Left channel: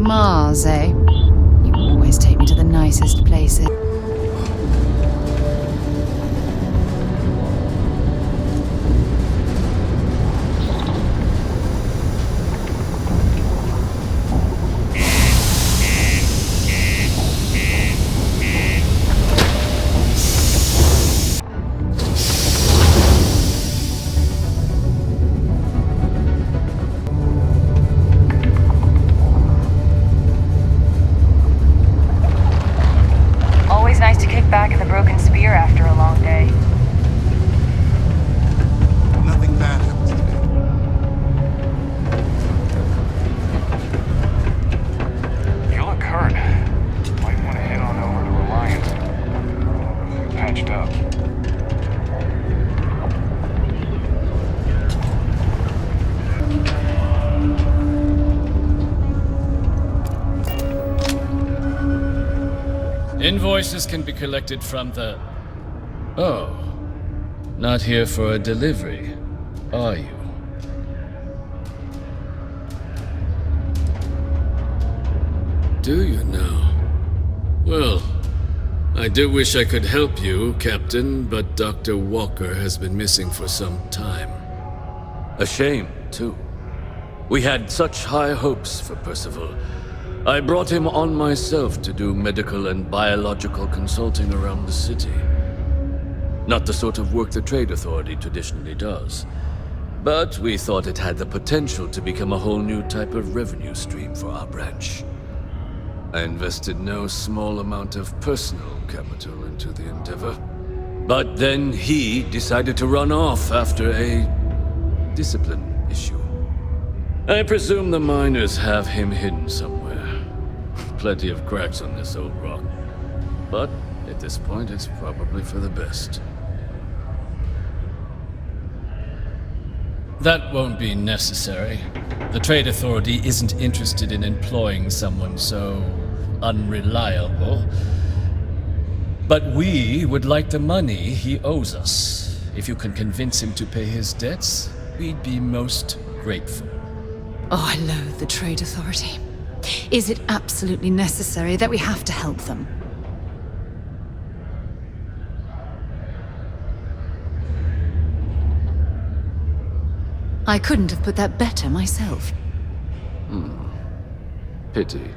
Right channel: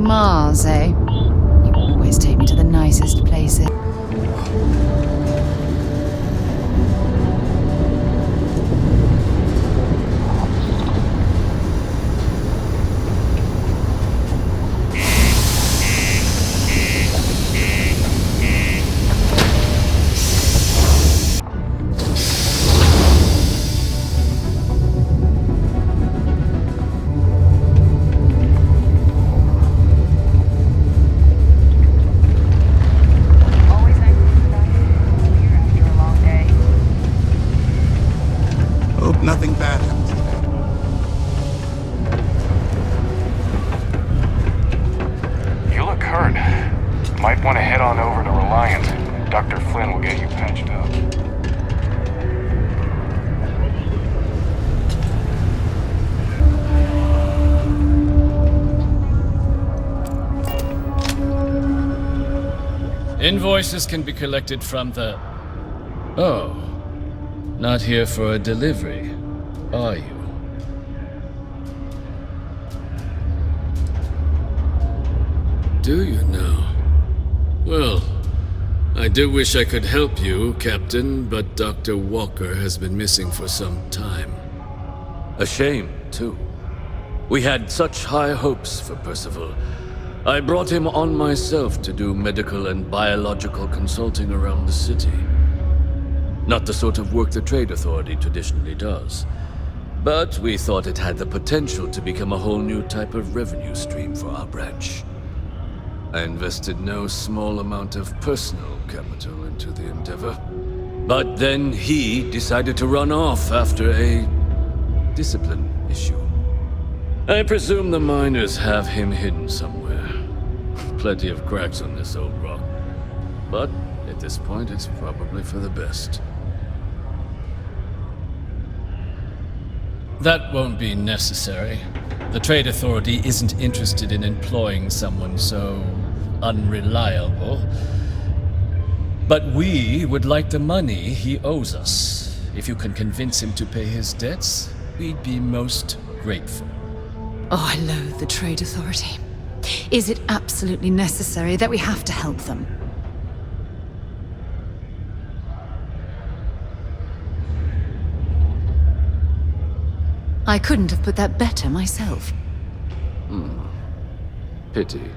Mars, eh? You always take me to the nicest places. Invoices can be collected from the... Oh. Not here for a delivery, are you? Do you now? Well, I do wish I could help you, Captain, but Dr. Walker has been missing for some time. A shame, too. We had such high hopes for Percival. I brought him on myself to do medical and biological consulting around the city. Not the sort of work the Trade Authority traditionally does. But we thought it had the potential to become a whole new type of revenue stream for our branch. I invested no small amount of personal capital into the endeavor. But then he decided to run off after a discipline issue. I presume the miners have him hidden somewhere. Plenty of cracks on this old rock. But at this point, it's probably for the best. That won't be necessary. The Trade Authority isn't interested in employing someone so unreliable. But we would like the money he owes us. If you can convince him to pay his debts, we'd be most grateful. Oh, I loathe the Trade Authority. Is it absolutely necessary that we have to help them? I couldn't have put that better myself. Pity.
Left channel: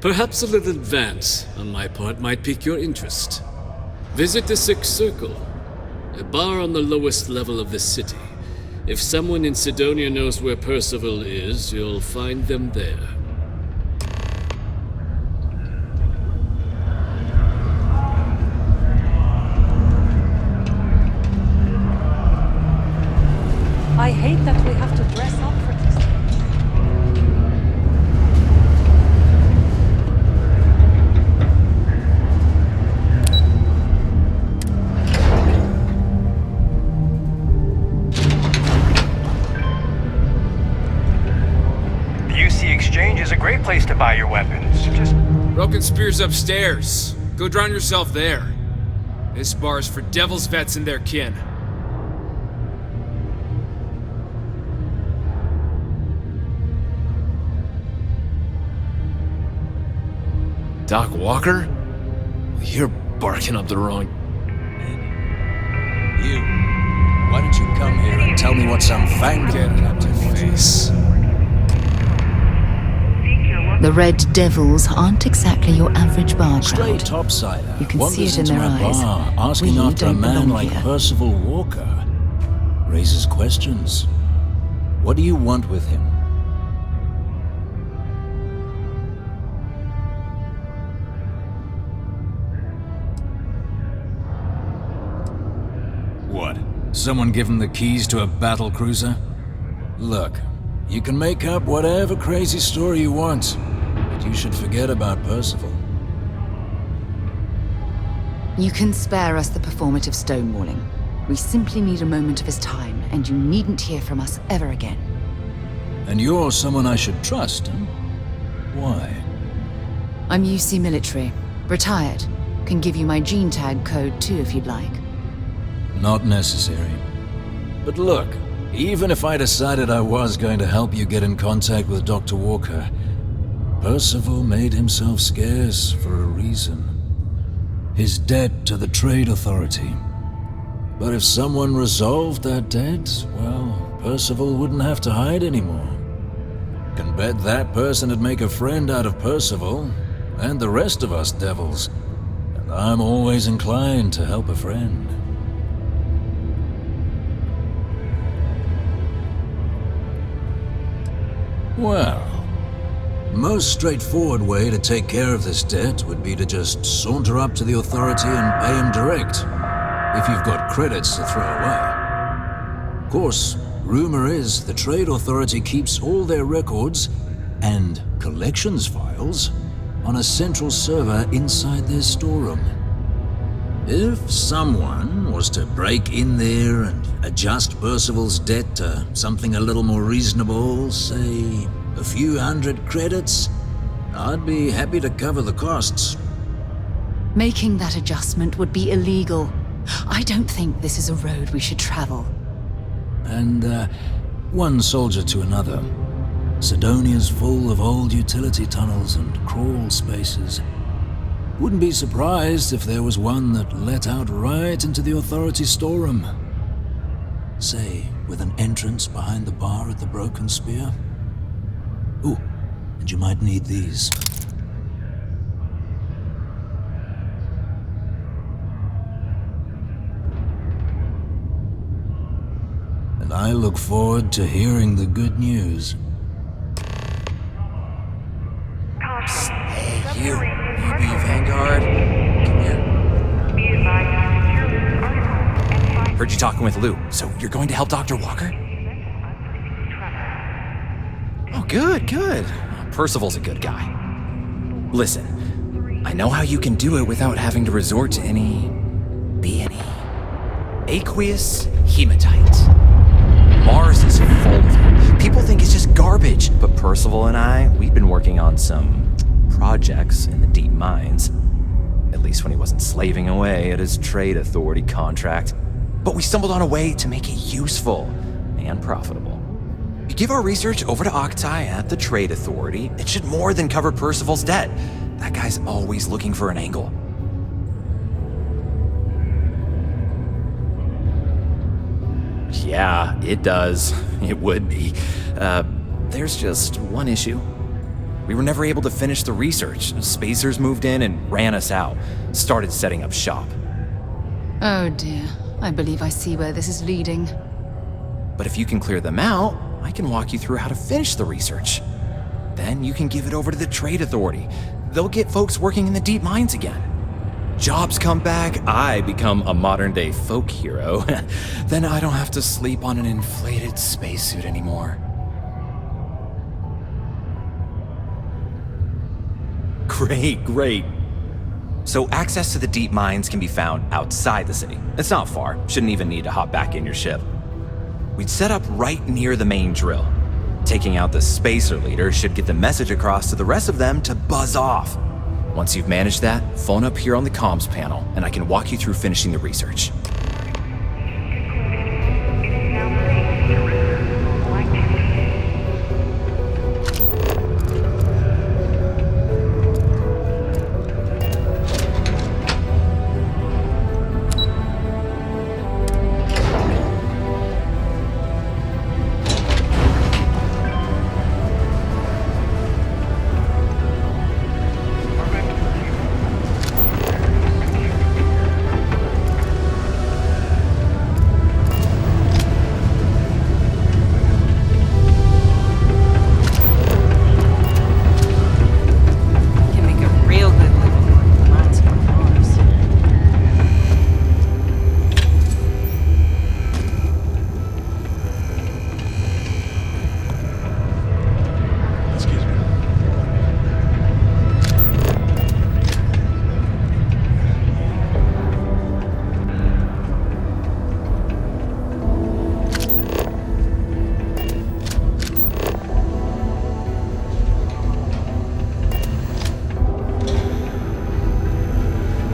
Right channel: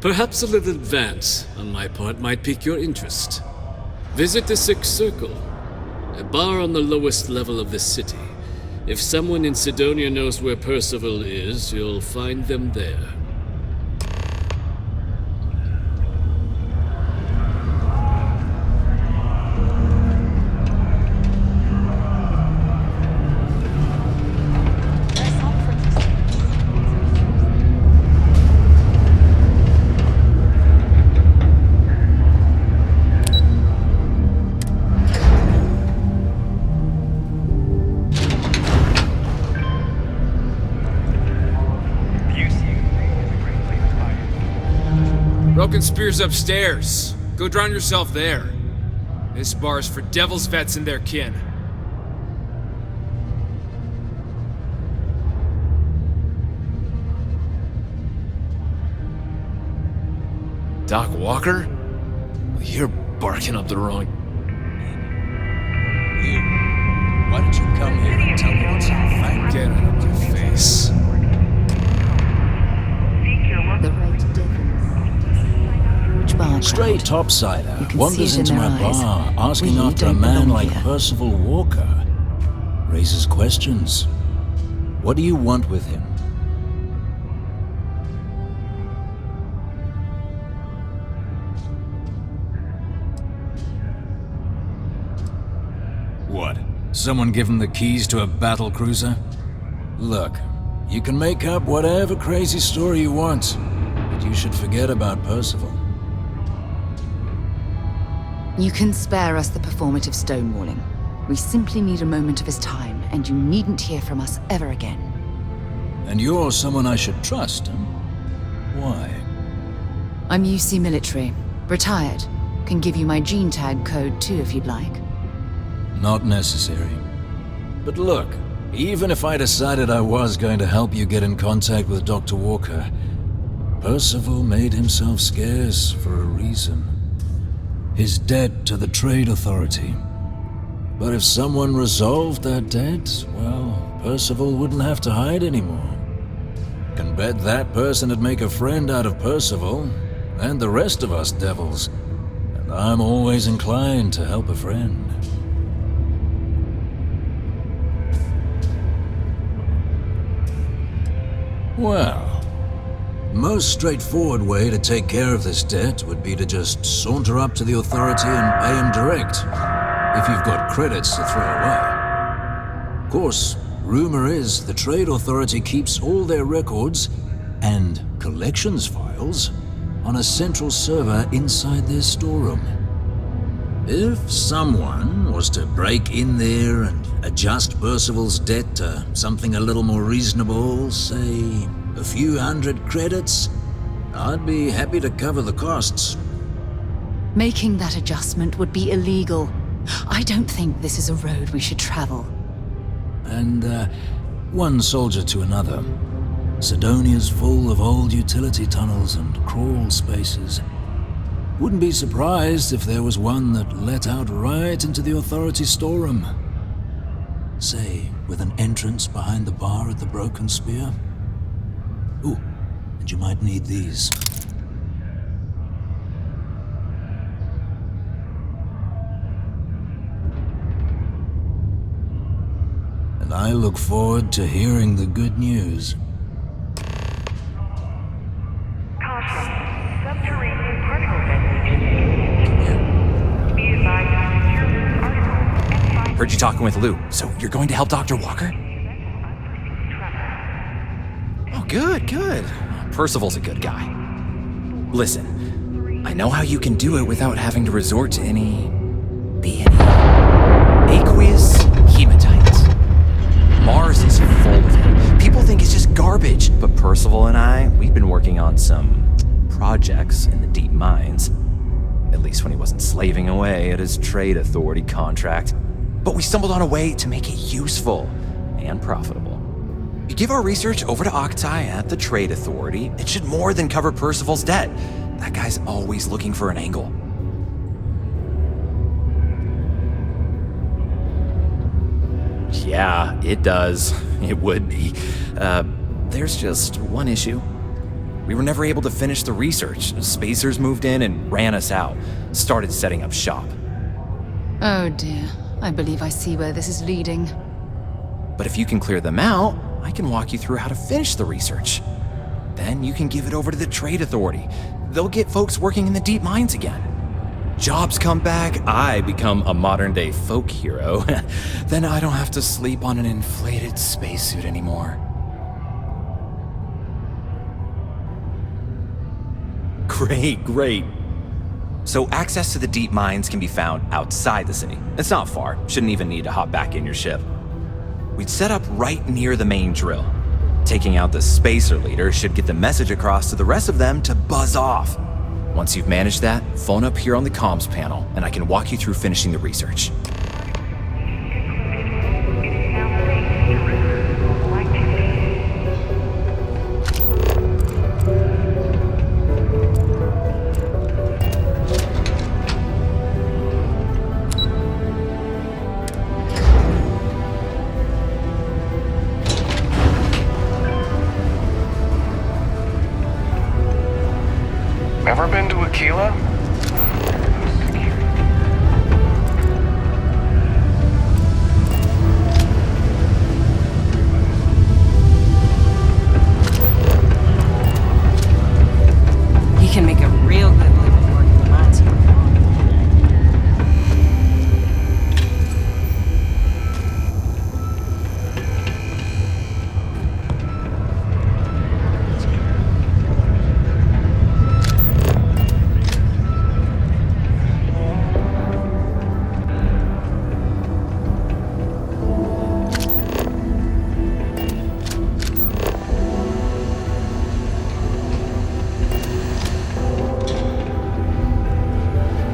Perhaps a little advance on my part might pique your interest. Visit the Sixth Circle, a bar on the lowest level of the city. If someone in Sidonia knows where Percival is, you'll find them there. I hate that we have to dress up for this. The UC Exchange is a great place to buy your weapons. Just Broken Spear's upstairs. Go drown yourself there. This bar's for Devil's vets and their kin. Doc Walker? Well, you're barking up the wrong... You. Why don't you come here and tell me what some fang... Get it out my face. The Red Devils aren't exactly your average bar crowd. Stray topsider You can wanders see it in into their my eyes. bar asking We after a don't man belong like here. Percival Walker. Raises questions. What do you want with him? What? Someone give him the keys to a battle cruiser? Look, you can make up whatever crazy story you want, but you should forget about Percival. You can spare us the performative stonewalling. We simply need a moment of his time, and you needn't hear from us ever again. And you're someone I should trust, huh? Why? I'm UC military. Retired. Can give you my gene tag code too if you'd like. Not necessary. But look, even if I decided I was going to help you get in contact with Dr. Walker, Percival made himself scarce for a reason. His debt to the Trade Authority. But if someone resolved that debt, well, Percival wouldn't have to hide anymore. Can bet that person would make a friend out of Percival, and the rest of us devils. And I'm always inclined to help a friend. Well, most straightforward way to take care of this debt would be to just saunter up to the authority and pay him direct, if you've got credits to throw away. Of course, rumor is the Trade Authority keeps all their records and collections files on a central server inside their storeroom. If someone was to break in there and adjust Percival's debt to something a little more reasonable, say a few hundred credits, I'd be happy to cover the costs. Making that adjustment would be illegal. I don't think this is a road we should travel. And, one soldier to another. Sidonia's full of old utility tunnels and crawl spaces. Wouldn't be surprised if there was one that let out right into the authority storeroom. Say, with an entrance behind the bar at the Broken Spear. Ooh, and you might need these. And I look forward to hearing the good news. Heard you talking with Lou, so you're going to help Dr. Walker? Oh, good. Percival's a good guy. Listen, I know how you can do it without having to resort to any aqueous hematite. Mars is full of it. People think it's just garbage, but Percival and I, we've been working on some projects in the deep mines. At least when he wasn't slaving away at his Trade Authority contract. But we stumbled on a way to make it useful and profitable. You give our research over to Octai at the Trade Authority, it should more than cover Percival's debt. That guy's always looking for an angle. Yeah, it does. It would be. There's just one issue. We were never able to finish the research. Spacers moved in and ran us out. Started setting up shop. Oh dear. I believe I see where this is leading. But if you can clear them out, I can walk you through how to finish the research. Then you can give it over to the Trade Authority. They'll get folks working in the deep mines again. Jobs come back, I become a modern-day folk hero. Then I don't have to sleep on an inflated spacesuit anymore. Great. So access to the deep mines can be found outside the city. It's not far, shouldn't even need to hop back in your ship. We'd set up right near the main drill. Taking out the spacer leader should get the message across to the rest of them to buzz off. Once you've managed that, phone up here on the comms panel, and I can walk you through finishing the research. Ever been to Aquila? He can make a real good living working the mines here on Mars.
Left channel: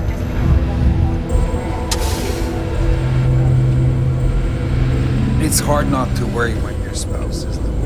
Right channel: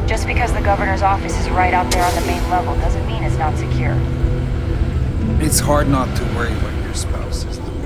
Just because the governor's office is right out there on the main level doesn't mean it's not secure. It's hard not to worry when your spouse is the one.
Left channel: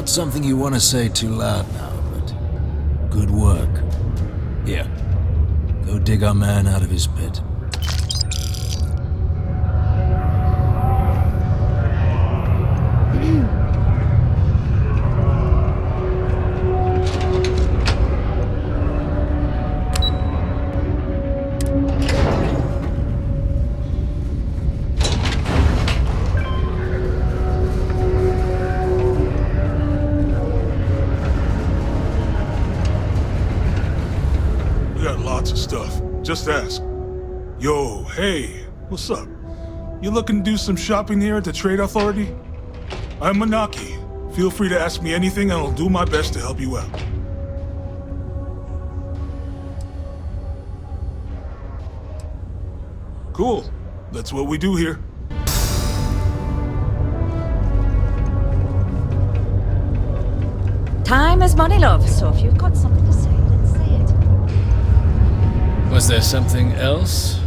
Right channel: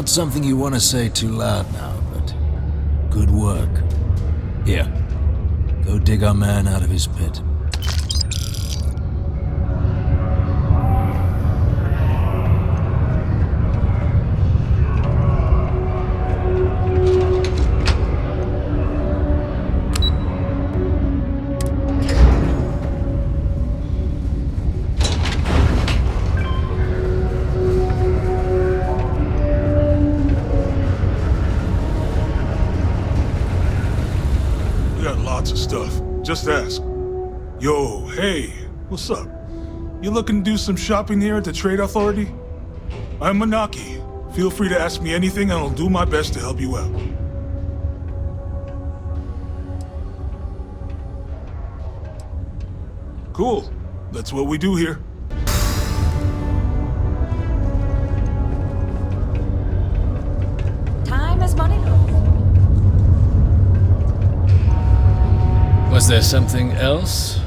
Not something you want to say too loud now, but good work. Here, go dig our man out of his pit. Lots of stuff. Just ask. Yo, hey, what's up? You looking to do some shopping here at the Trade Authority? I'm Manaki. Feel free to ask me anything and I'll do my best to help you out. Cool. That's what we do here. Time is money, love, so if you've got something to say, say it. Was there something else?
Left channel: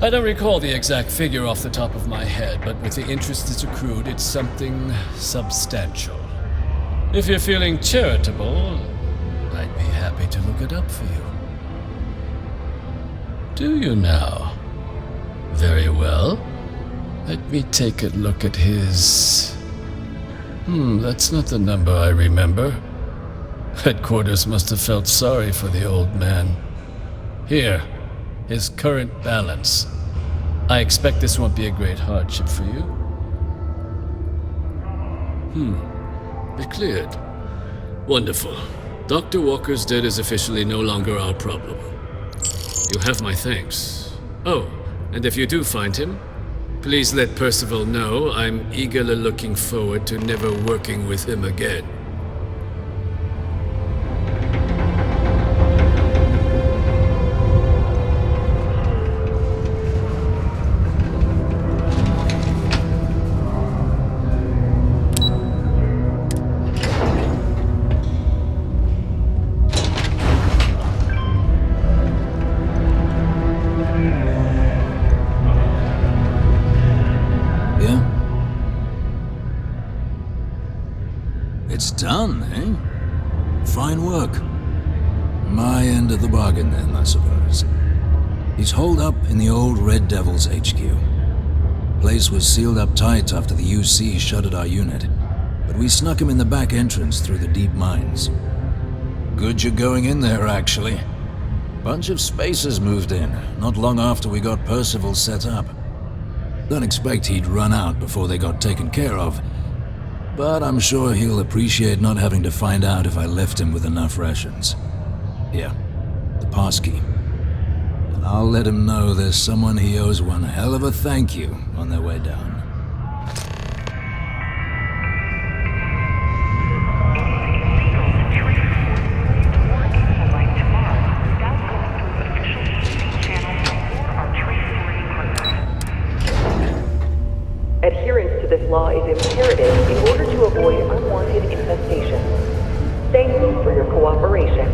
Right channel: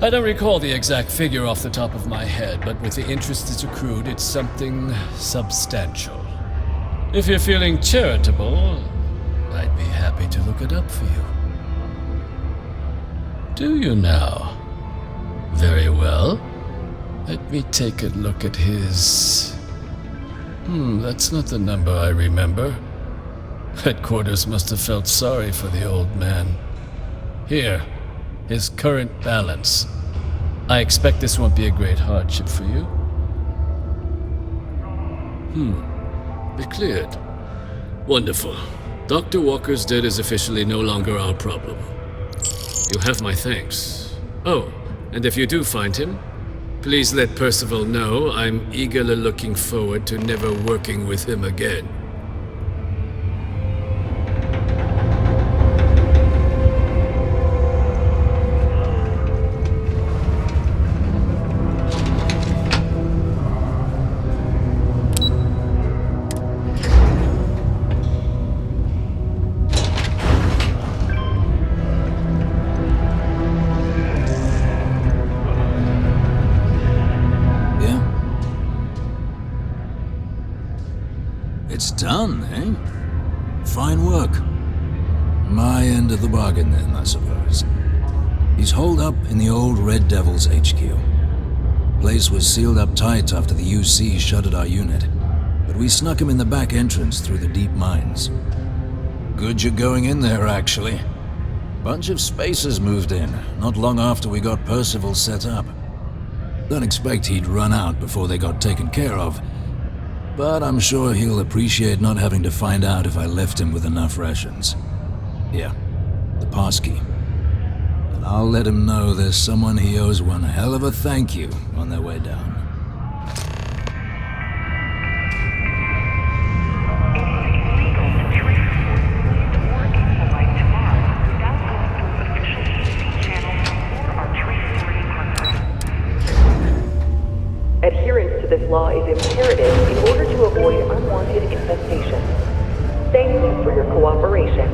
I don't recall the exact figure off the top of my head, but with the interest it's accrued, it's something substantial. If you're feeling charitable, I'd be happy to look it up for you. Do you now? Very well. Let me take a look at his... that's not the number I remember. Headquarters must have felt sorry for the old man. Here, his current balance. I expect this won't be a great hardship for you. Be cleared. Wonderful. Dr. Walker's debt is officially no longer our problem. You have my thanks. Oh, and if you do find him, please let Percival know I'm eagerly looking forward to never working with him again. It's done, eh? Fine work. My end of the bargain then, I suppose. He's holed up in the old Red Devil's HQ. Place was sealed up tight after the UC shuttered our unit, but we snuck him in the back entrance through the deep mines. Good you're going in there, actually. Bunch of spacers moved in, not long after we got Percival set up. Don't expect he'd run out before they got taken care of, but I'm sure he'll appreciate not having to find out if I left him with enough rations. Here, the passkey. And I'll let him know there's someone he owes one hell of a thank you on their way down. Adherence to this law is imperative in order to avoid unwanted infestation. Thank you for your cooperation.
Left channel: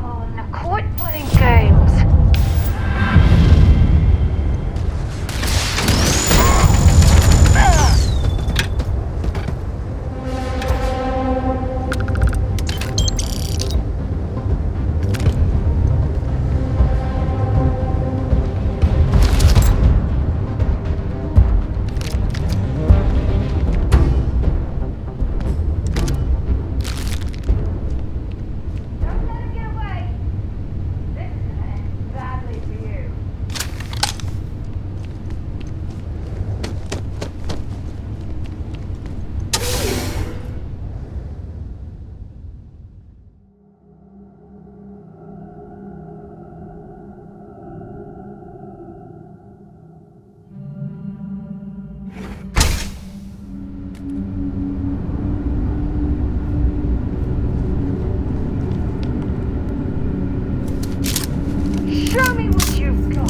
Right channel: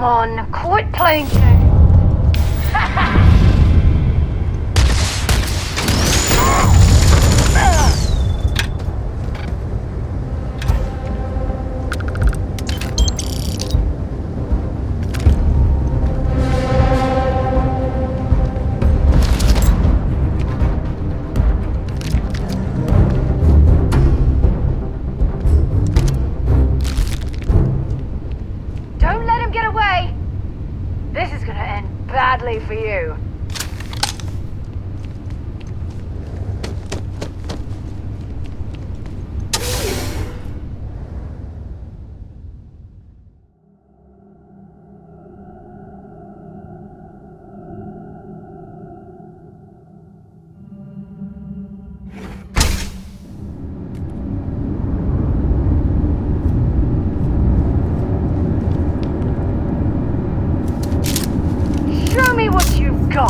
Come on, quit playing games. Don't let him get away. This is gonna end badly for you. Show me what you've got.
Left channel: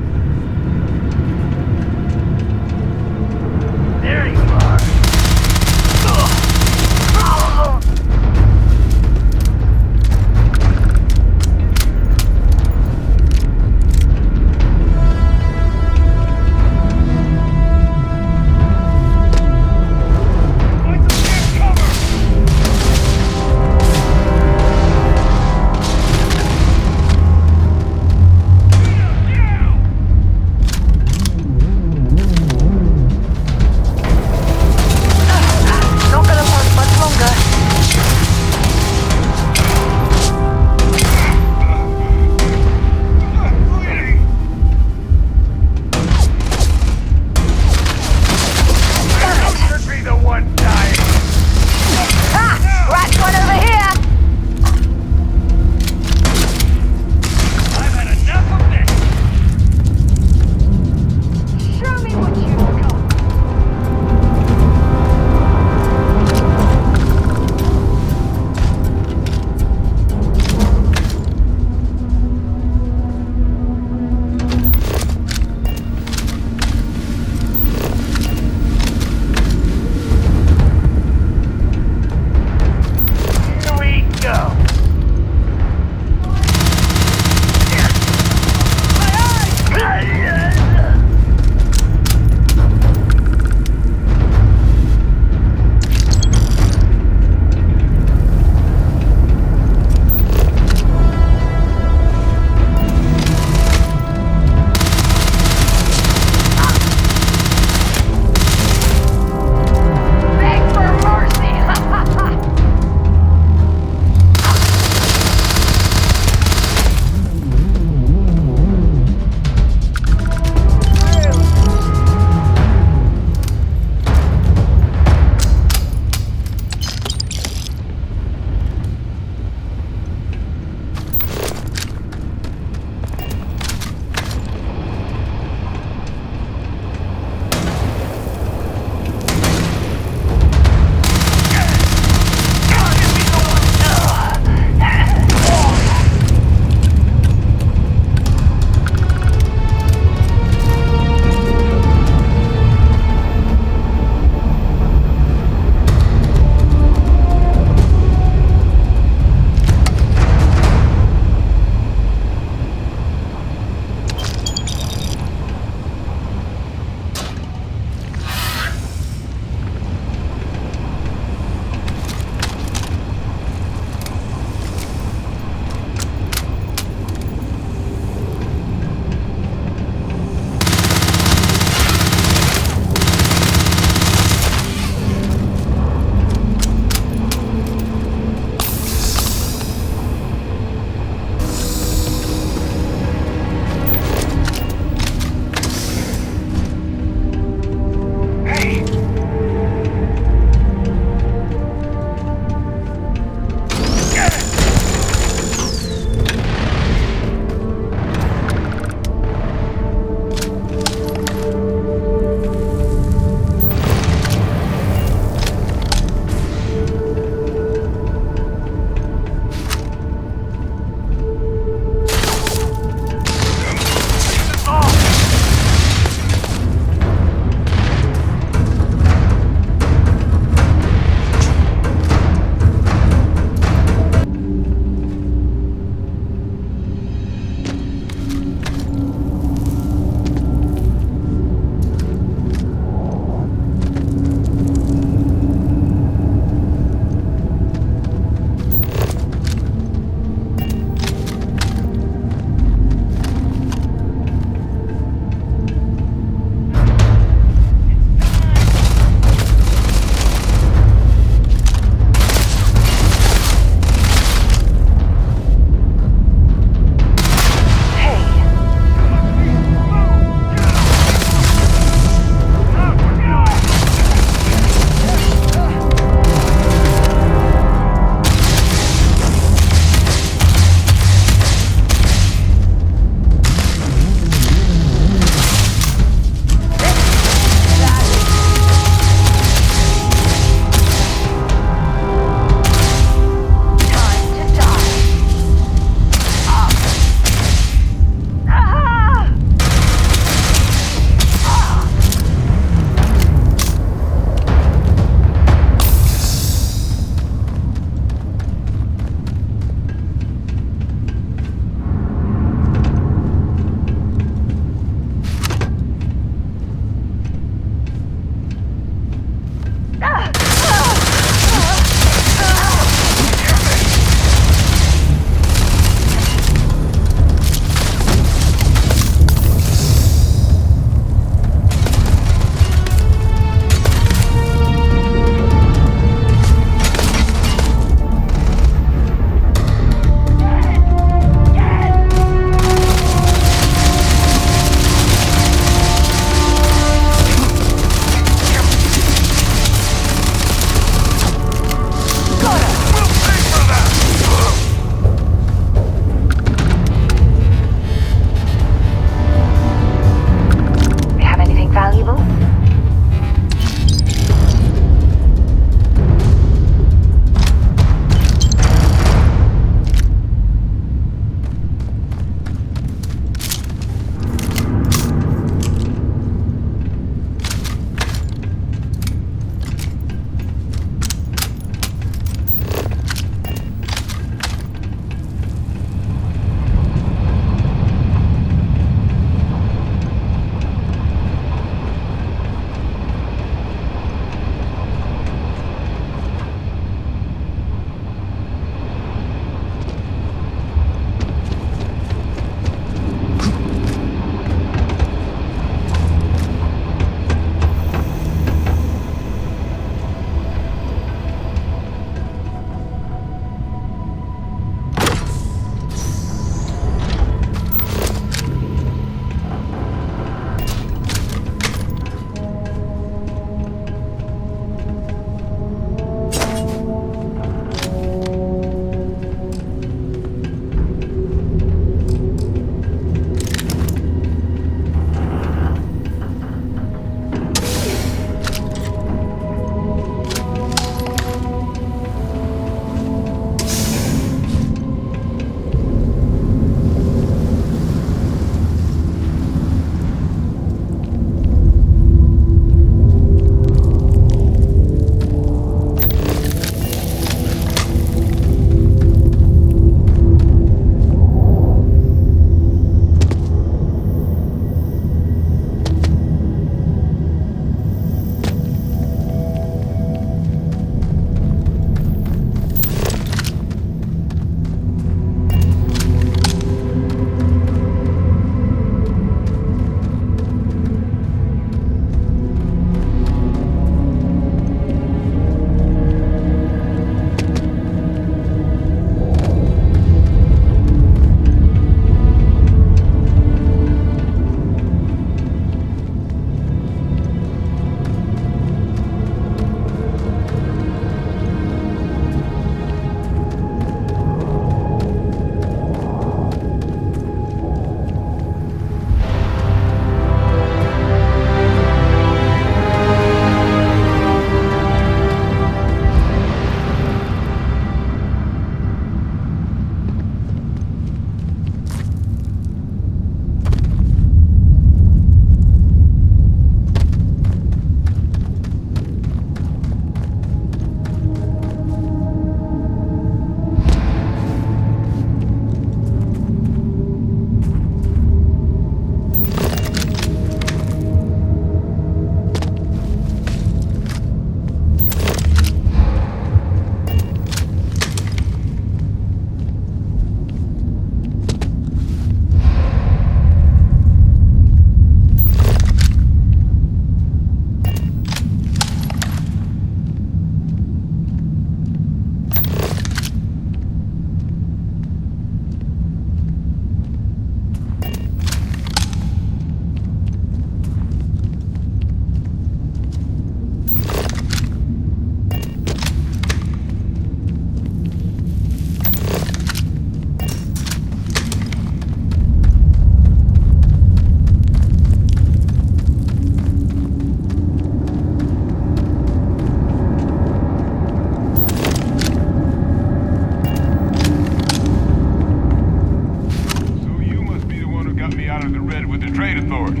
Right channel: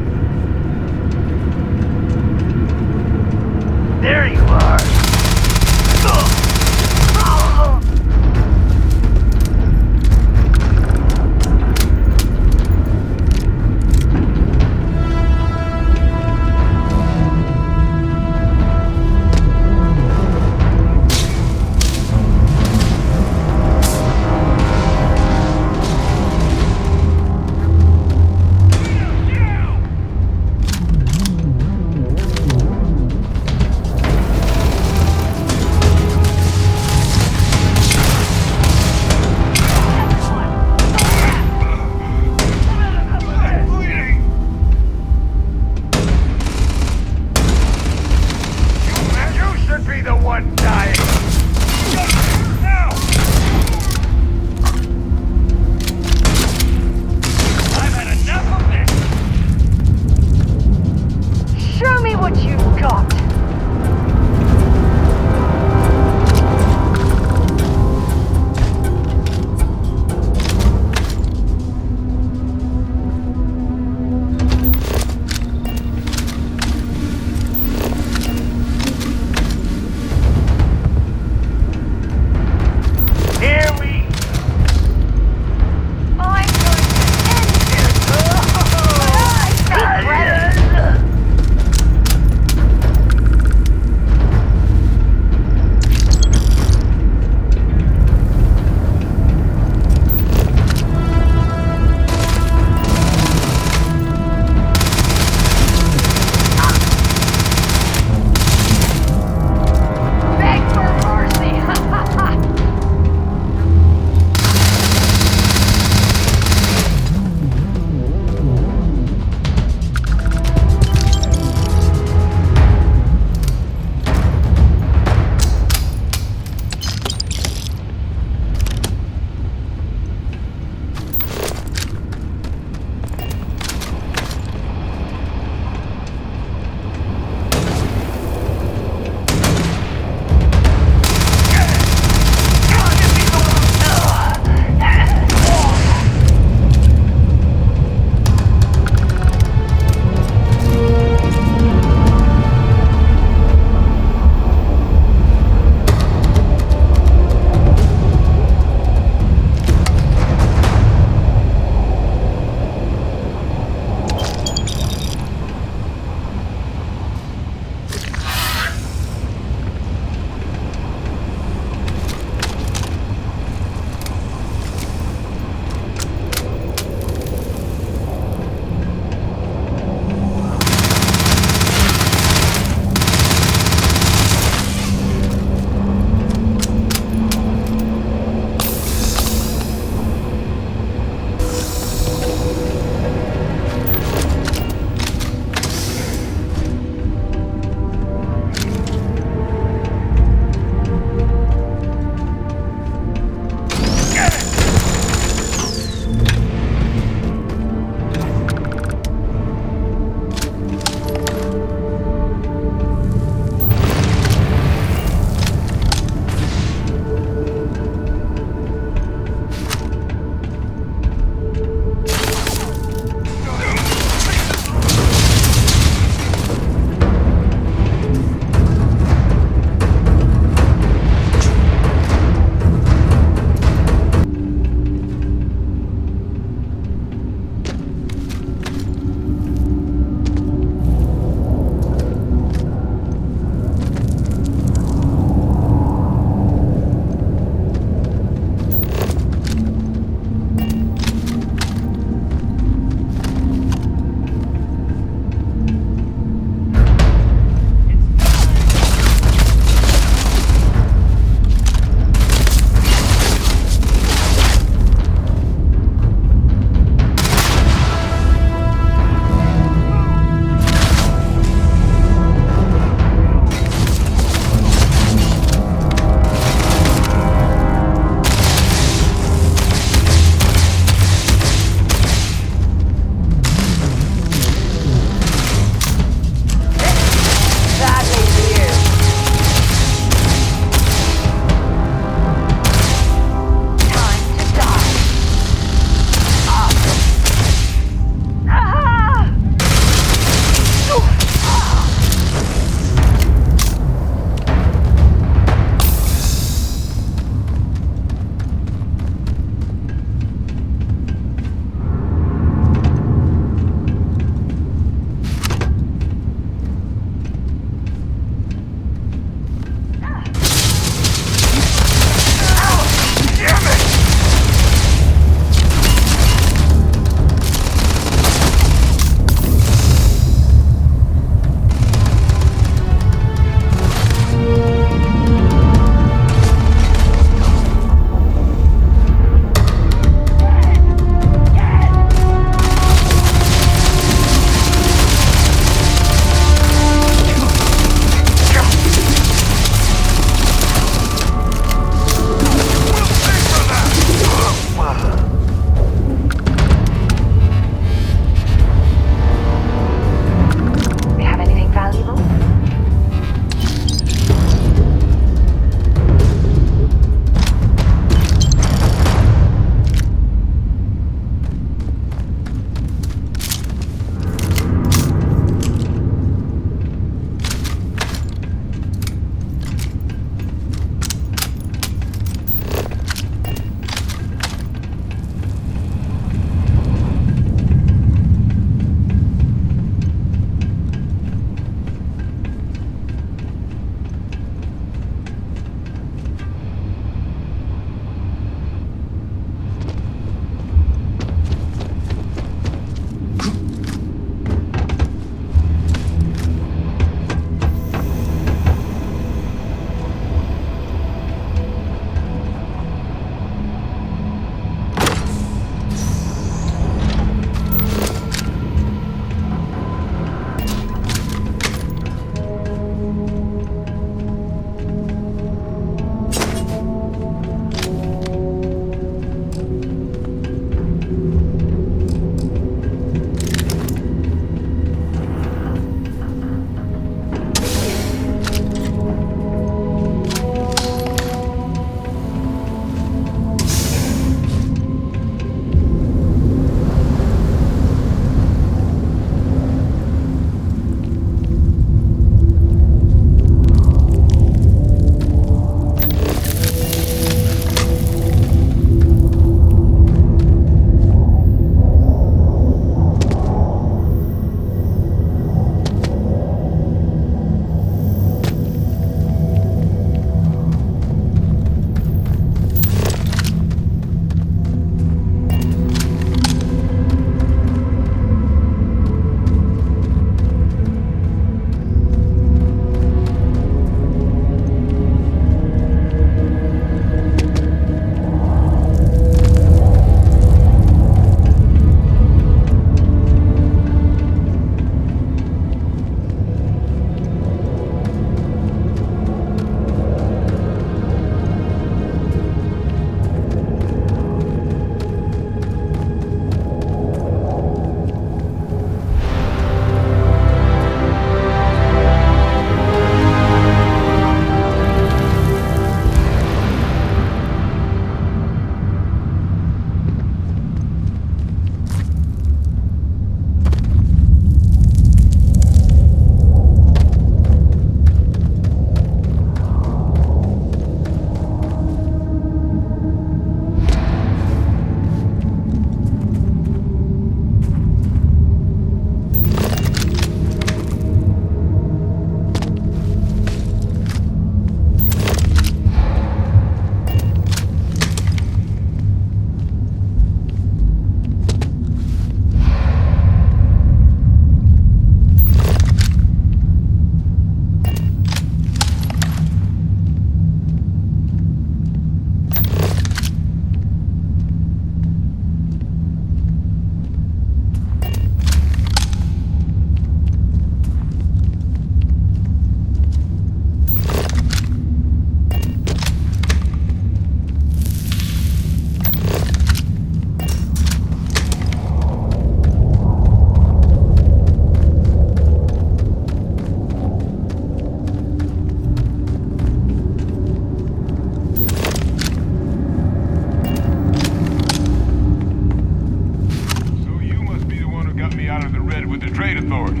Authority.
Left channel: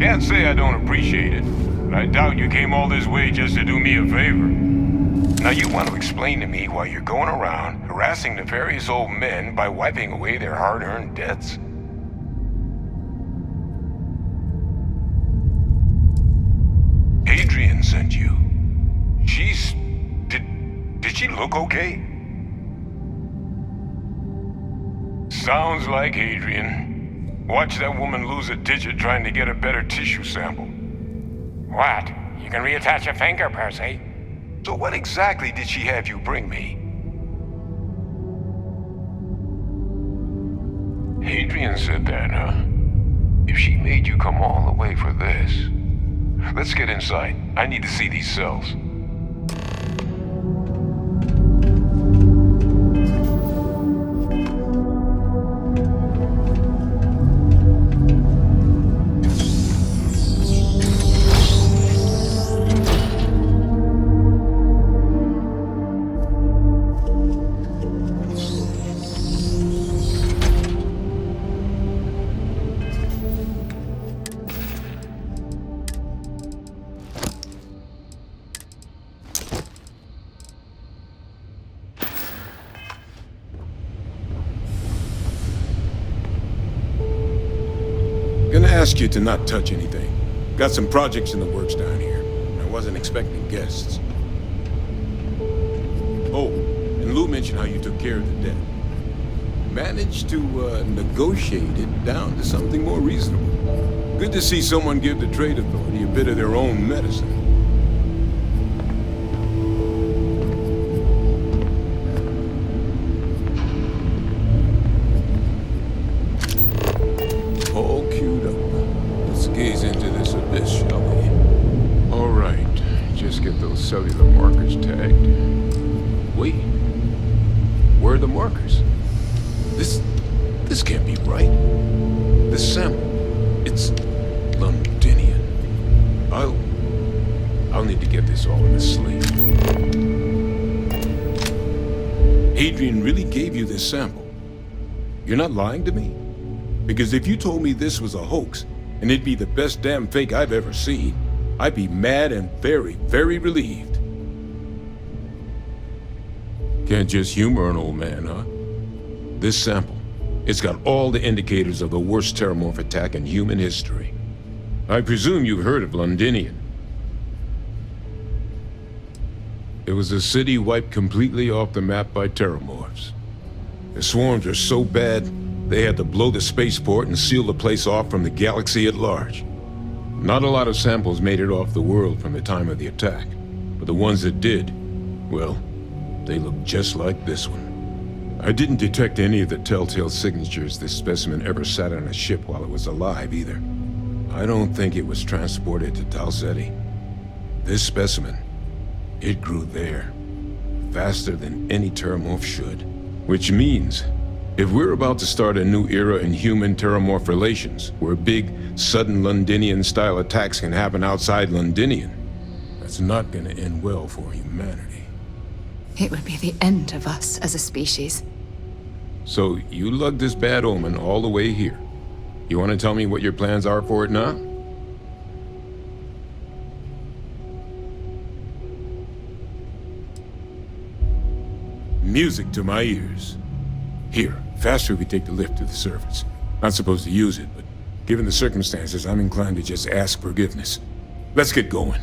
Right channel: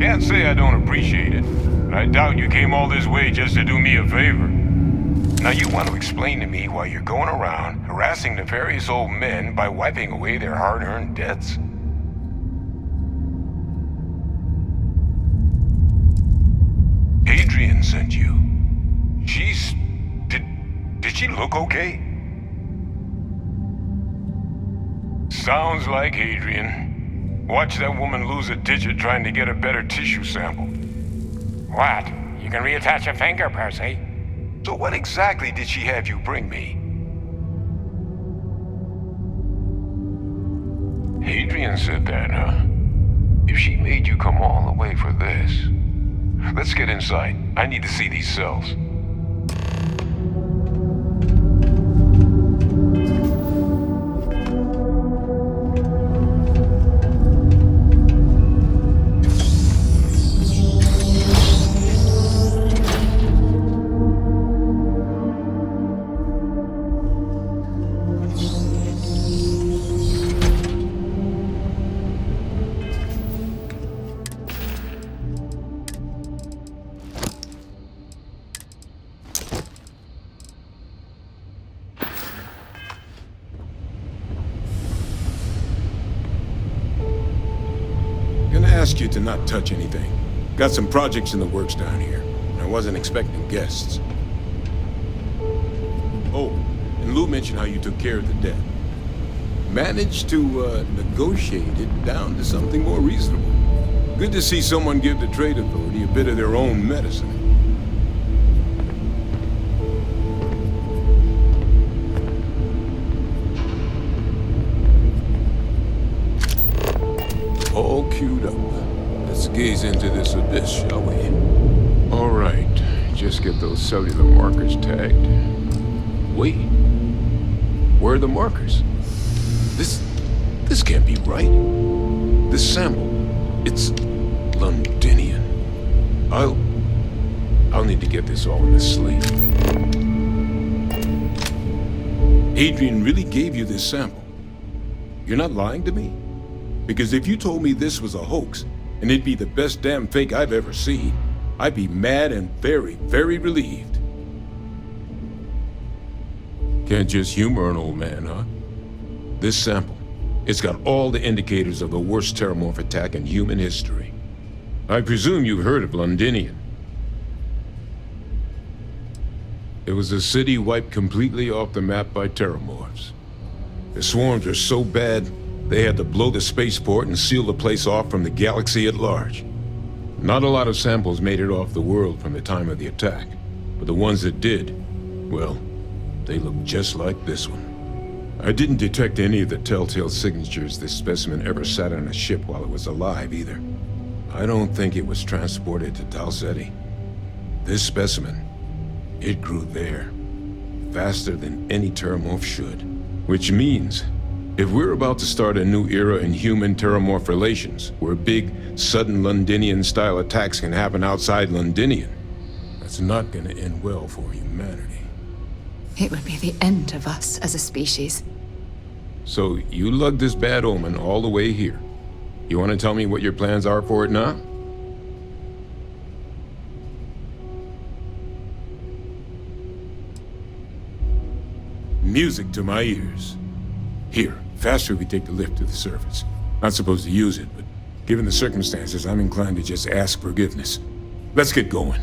Can't say I don't appreciate it, but I doubt you came all this way just to do me a favor. Now you want to explain to me why you're going around harassing nefarious old men by wiping away their hard-earned debts? Adrian sent you. Did she look okay? Sounds like Adrian. Watch that woman lose a digit trying to get a better tissue sample. What? You can reattach a finger, Percy. So what exactly did she have you bring me? Adrian said that, huh? If she made you come all the way for this... Let's get inside. I need to see these cells. Gonna ask you to not touch anything. Got some projects in the works down here. I wasn't expecting guests. Oh, and Lou mentioned how you took care of the debt. Managed to negotiate it down to something more reasonable. Good to see someone give the Trade Authority a bit of their own medicine. All queued up. Let's gaze into this abyss, shall we? All right. Just get those cellular markers tagged. Wait. Where are the markers? This can't be right. This sample, it's Londinian. I'll need to get this all in a slate. Adrian really gave you this sample. You're not lying to me? Because if you told me this was a hoax, and it'd be the best damn fake I've ever seen, I'd be mad and very, very relieved. Can't just humor an old man, huh? This sample, it's got all the indicators of the worst terramorph attack in human history. I presume you've heard of Londinian. It was a city wiped completely off the map by terramorphs. The swarms are so bad, they had to blow the spaceport and seal the place off from the galaxy at large. Not a lot of samples made it off the world from the time of the attack, but the ones that did, well, they look just like this one. I didn't detect any of the telltale signatures this specimen ever sat on a ship while it was alive either. I don't think it was transported to Tal Ceti. This specimen, it grew there, faster than any terramorph should. Which means, if we're about to start a new era in human-terramorph relations, where big, sudden Londinian-style attacks can happen outside Londinian, that's not gonna end well for humanity. It would be the end of us as a species. So, you lugged this bad omen all the way here. You want to tell me what your plans are for it now? Music to my ears. Here, faster we take the lift to the surface. Not supposed to use it, but given the circumstances, I'm inclined to just ask forgiveness. Let's get going.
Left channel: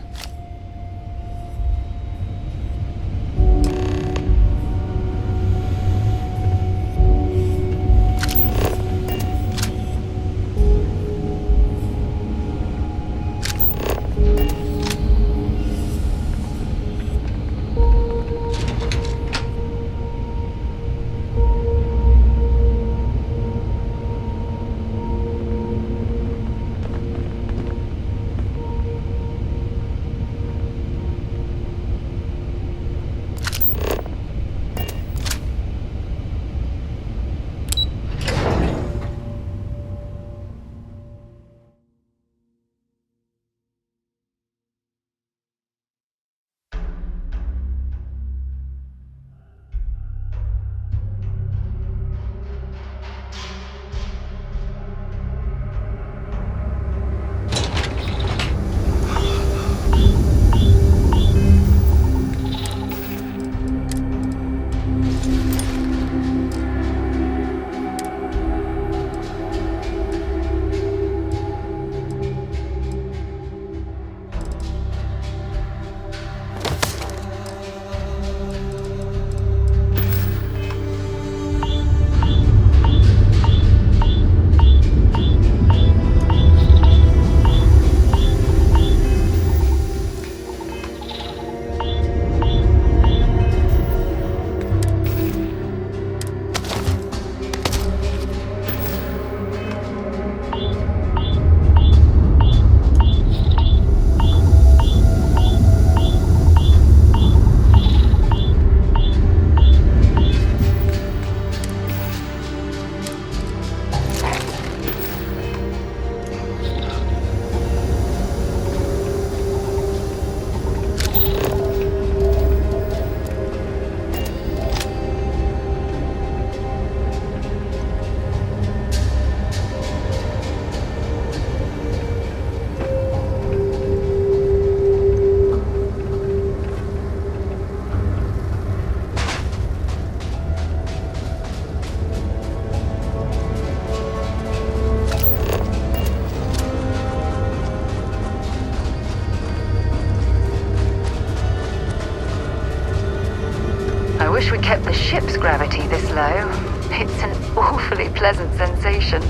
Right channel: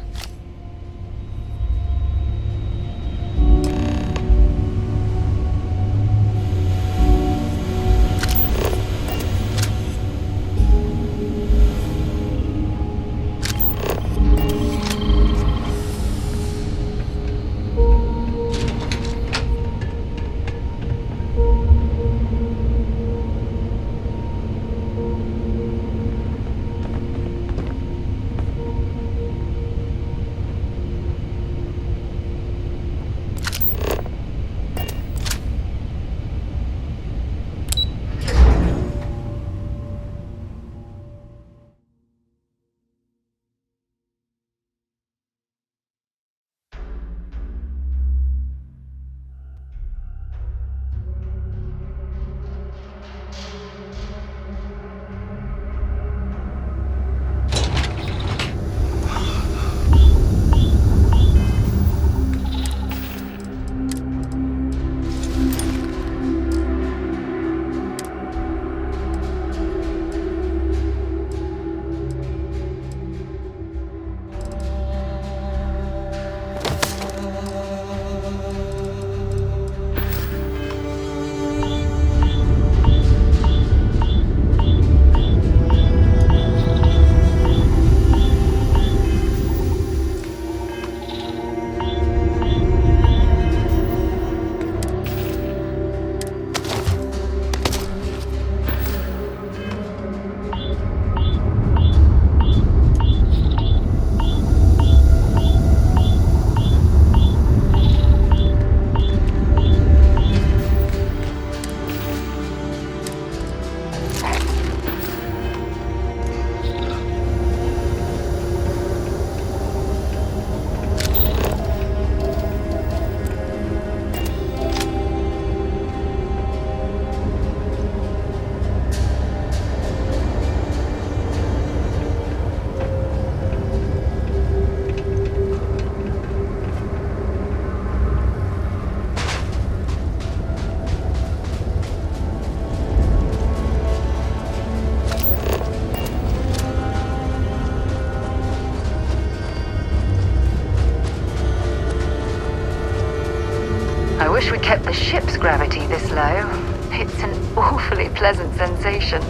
wish we kept the ship's gravity this low. It's an awfully pleasant sensation.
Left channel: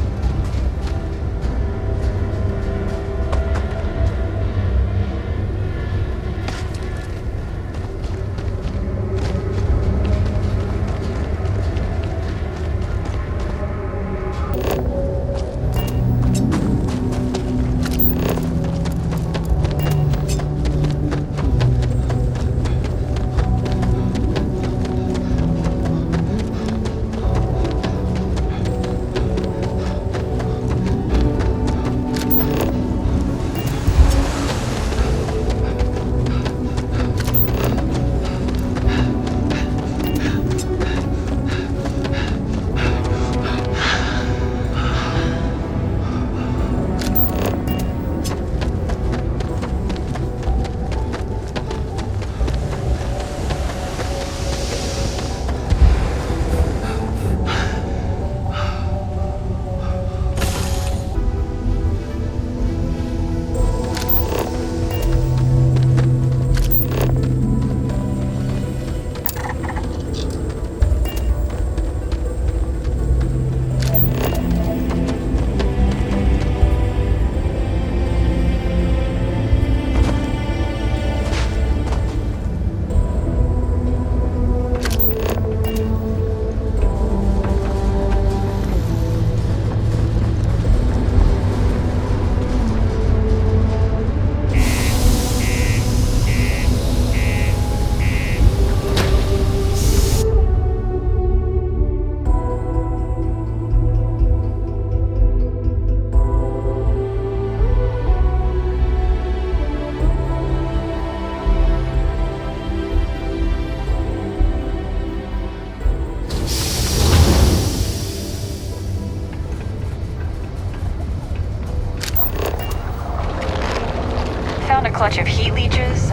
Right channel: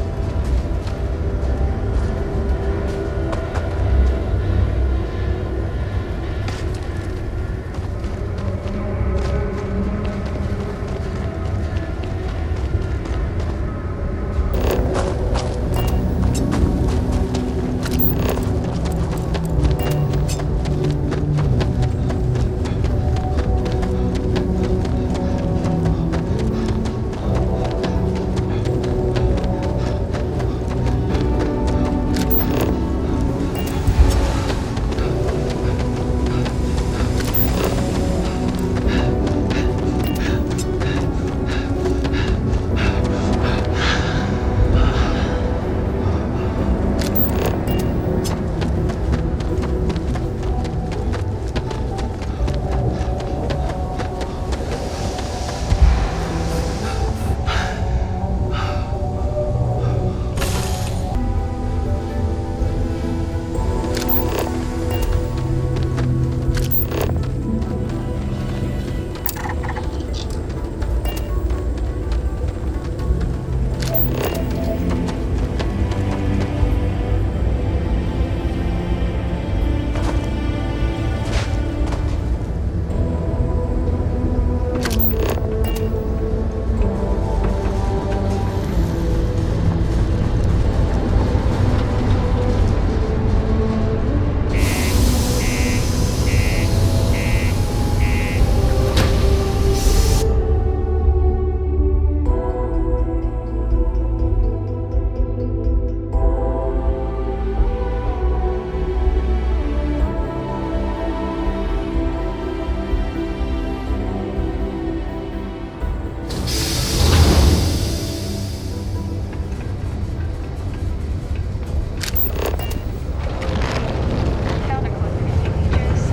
Clutch of heat leeches,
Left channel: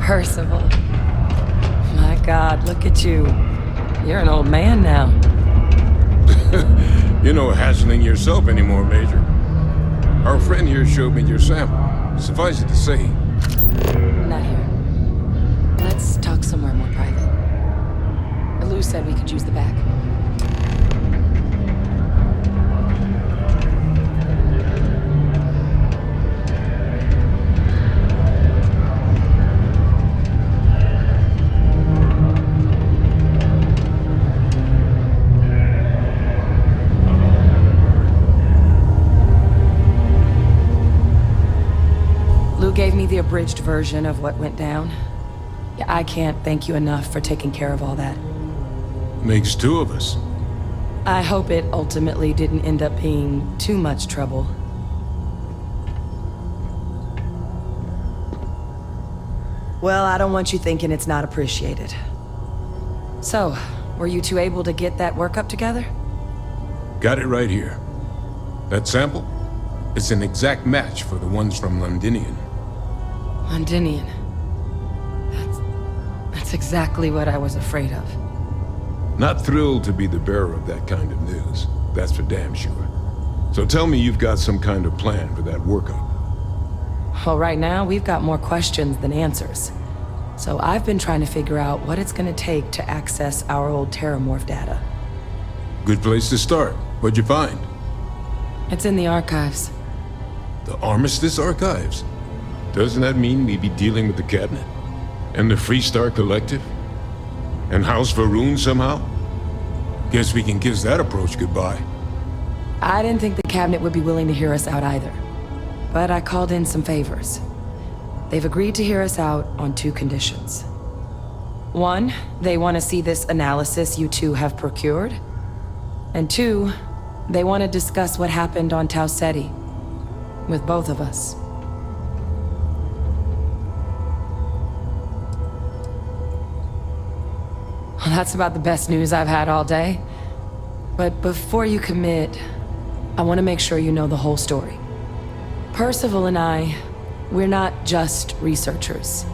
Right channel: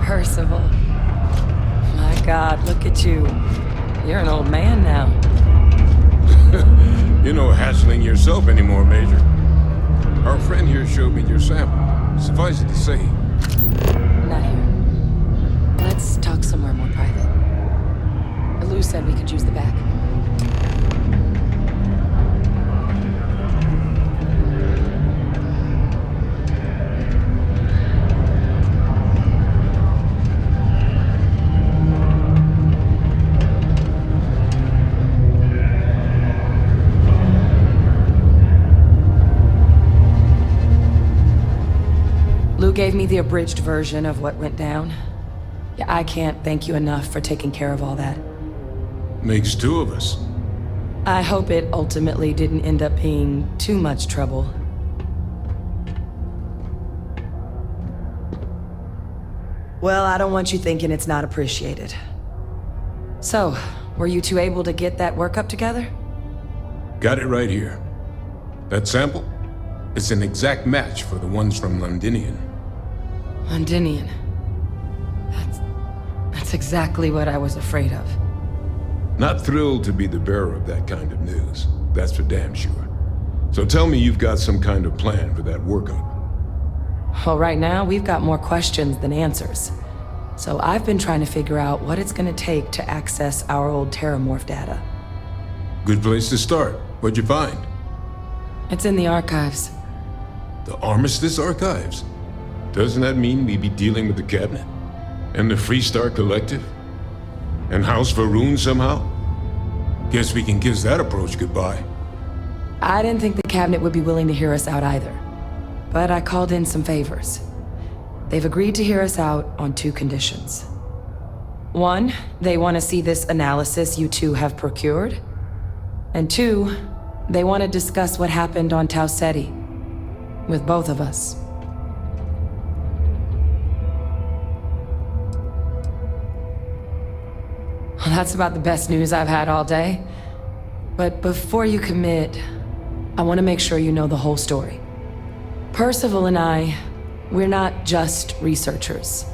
Percival. My God, look at you. You're an old man now. You're no hatchling yourself anymore, Major. Our friend here showed me your sample. Suffice it to say. Not here. Let's talk somewhere more private. Lou said we could use the back. Lou gave me the abridged version of what went down. Yeah, I can't thank you enough for taking care of all that. Makes two of us. I hope it ultimately didn't end up being too much trouble. Well, I don't want you thinking it's not appreciated. So, were you two able to get that workup together? Got it right here. That sample? It's an exact match for the ones from Londinian. Londinian. That's exactly what I was afraid of. Not thrilled to be the bearer of that kind of news. That's for damn sure. So tell me you've got some kind of plan for that workup. Well, right now, we've got more questions than answers. So I've been trying to figure out what it's gonna take to access our old Terramorph data. Good place to start. What'd you find? It's in the archives. The Armistice Archives? Doesn't that mean we'd be dealing with the Cabinet? And the Freestar Collective? And House Varun somehow? Guess we can kiss that approach goodbye. I didn't think the Cabinet would be willing to hear us out either. But I called in some favors. They've agreed to hear us out on 2 conditions. 1, they want to see this analysis you two have procured. And 2, they want to discuss what happened on Tau Ceti. With both of us. Well, that's about the best news I've had all day. But before you commit, I want to make sure you know the whole story. Percival and I, we're not just researchers.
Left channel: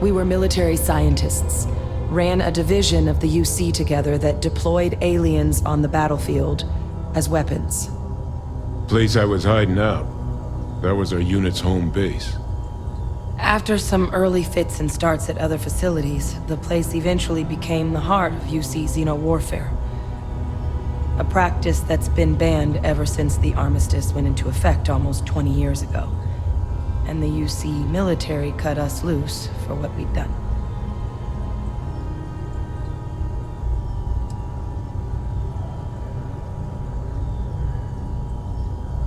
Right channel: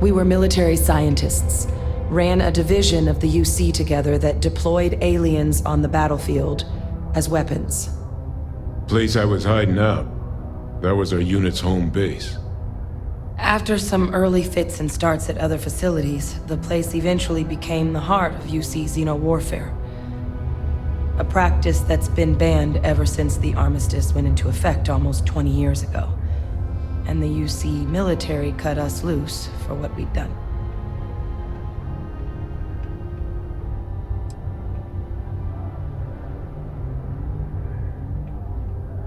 We were military scientists, ran a division of the UC together that deployed aliens on the battlefield as weapons. Place I was hiding out. That was our unit's home base. After some early fits and starts at other facilities, the place eventually became the heart of UC xeno-warfare. A practice that's been banned ever since the armistice went into effect almost 20 years ago. And the UC military cut us loose for what we'd done.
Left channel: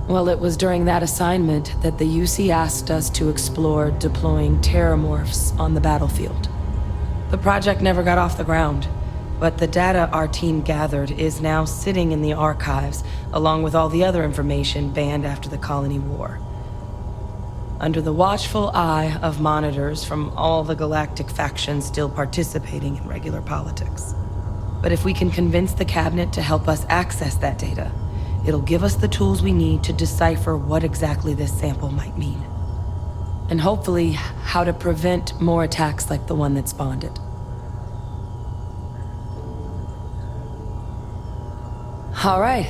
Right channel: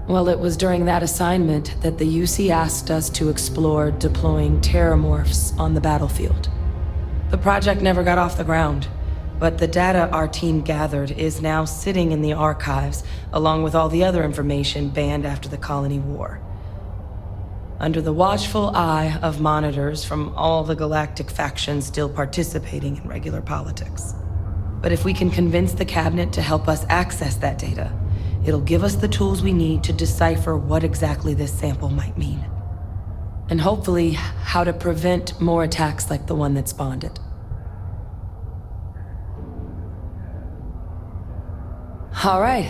Well, it was during that assignment that the UC asked us to explore deploying terramorphs on the battlefield. The project never got off the ground, but the data our team gathered is now sitting in the archives, along with all the other information banned after the Colony War. Under the watchful eye of monitors from all the galactic factions still participating in regular politics. But if we can convince the cabinet to help us access that data, it'll give us the tools we need to decipher what exactly this sample might mean. And hopefully, how to prevent more attacks like the one that spawned it. All right.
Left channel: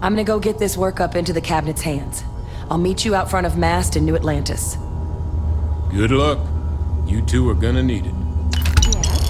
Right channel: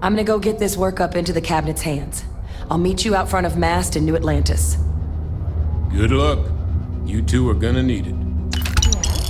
I'm gonna go get this work up into the cabinet's hands. I'll meet you out front of Mast in New Atlantis. Good luck. You two are gonna need it. Yes?